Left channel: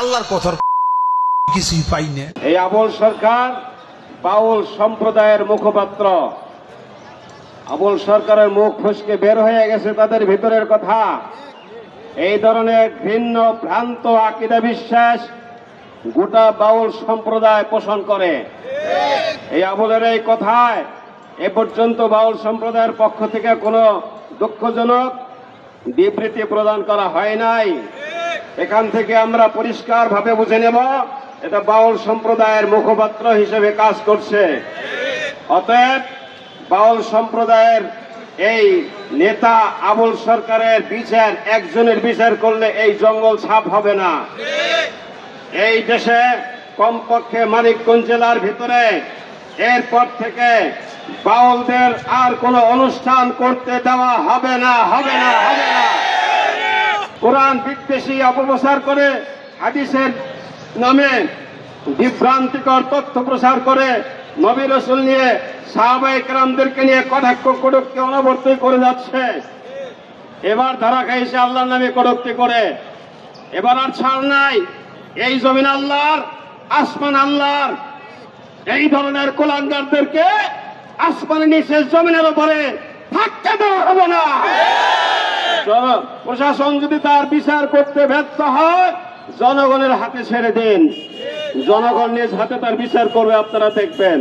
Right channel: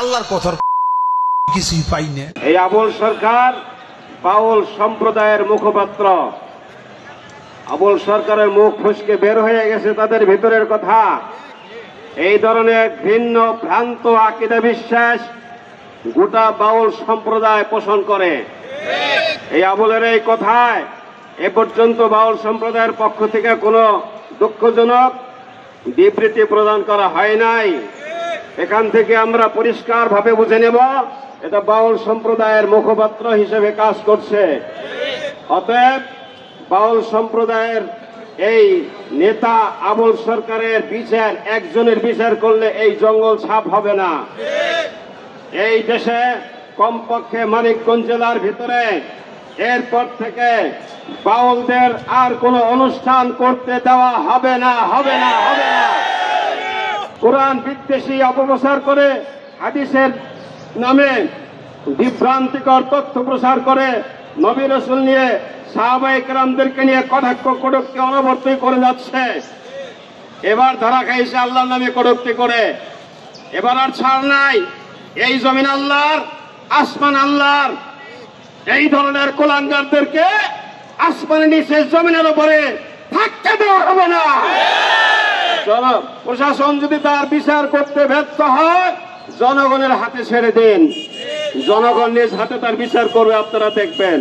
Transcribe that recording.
আল্লাহর কথার কিছুই পাই না। এই আবুল সরকার বাউল সম্প্রদায়ের মুখপাত্র। আবুল সরকারের মুখ ফসকে বের হয়ে গেছে তাদের ভিতরের কথা। এই ধরনের ভিন্ন ভ্রান্ত আকীদা বিশ্বাস গোটা বাউল সম্প্রদায় পোষণ করে। এই আবুলের এই কথায় এ পর্যন্ত বাউল সম্প্রদায়ের পক্ষ থেকে কোনো দুঃখজনক বিবৃতি প্রদান করা হয় নাই। এখান থেকে আমরা পরিষ্কারভাবে বুঝে নেব এটা বাউল সম্প্রদায়ের মুখপাত্র হিসেবে কাজ করছে। অতএব বাউল সম্প্রদায়ের এই নেতা আবুল সরকারের বিচার একজনের বিচার করলে এই জঙ্গল সাফ হবে না। এই দেশে কমপক্ষে মানিকগঞ্জ জেলার ভিতরে এরপর থেকে বাউলদের আর কোনো অনুষ্ঠান করতে দেওয়া হবে না, হবে না, হবে না। কোরআন বিদ্বেষী অপপ্রচার করে হাদিসের নামে বিভ্রান্তিকর তথ্য প্রচার করে নবী রাসূল নিয়ে সাহাবায়ে কেরামদেরকে নিয়ে কটাক্ষ কটূক্তি অনবরত করে যাচ্ছে। এবার ধরা খাইছে আল্লাহর নামে কটূক্তি করে। এবার আর ছাড় নাই। এই জমিন আল্লাহর, আসমান আল্লাহর। এই ধরনের কুলাঙ্গারদেরকে আসমানের নিচে জমিনের উপরে থাকতে দেওয়া হবে না। প্রশাসন যদি তার বিচার করতে ব্যর্থ হয় জনগণের হাতে ছেড়ে দিন। জনগণ নিজ হাতে তার বিচার করবে, আপনারা দেখবেন।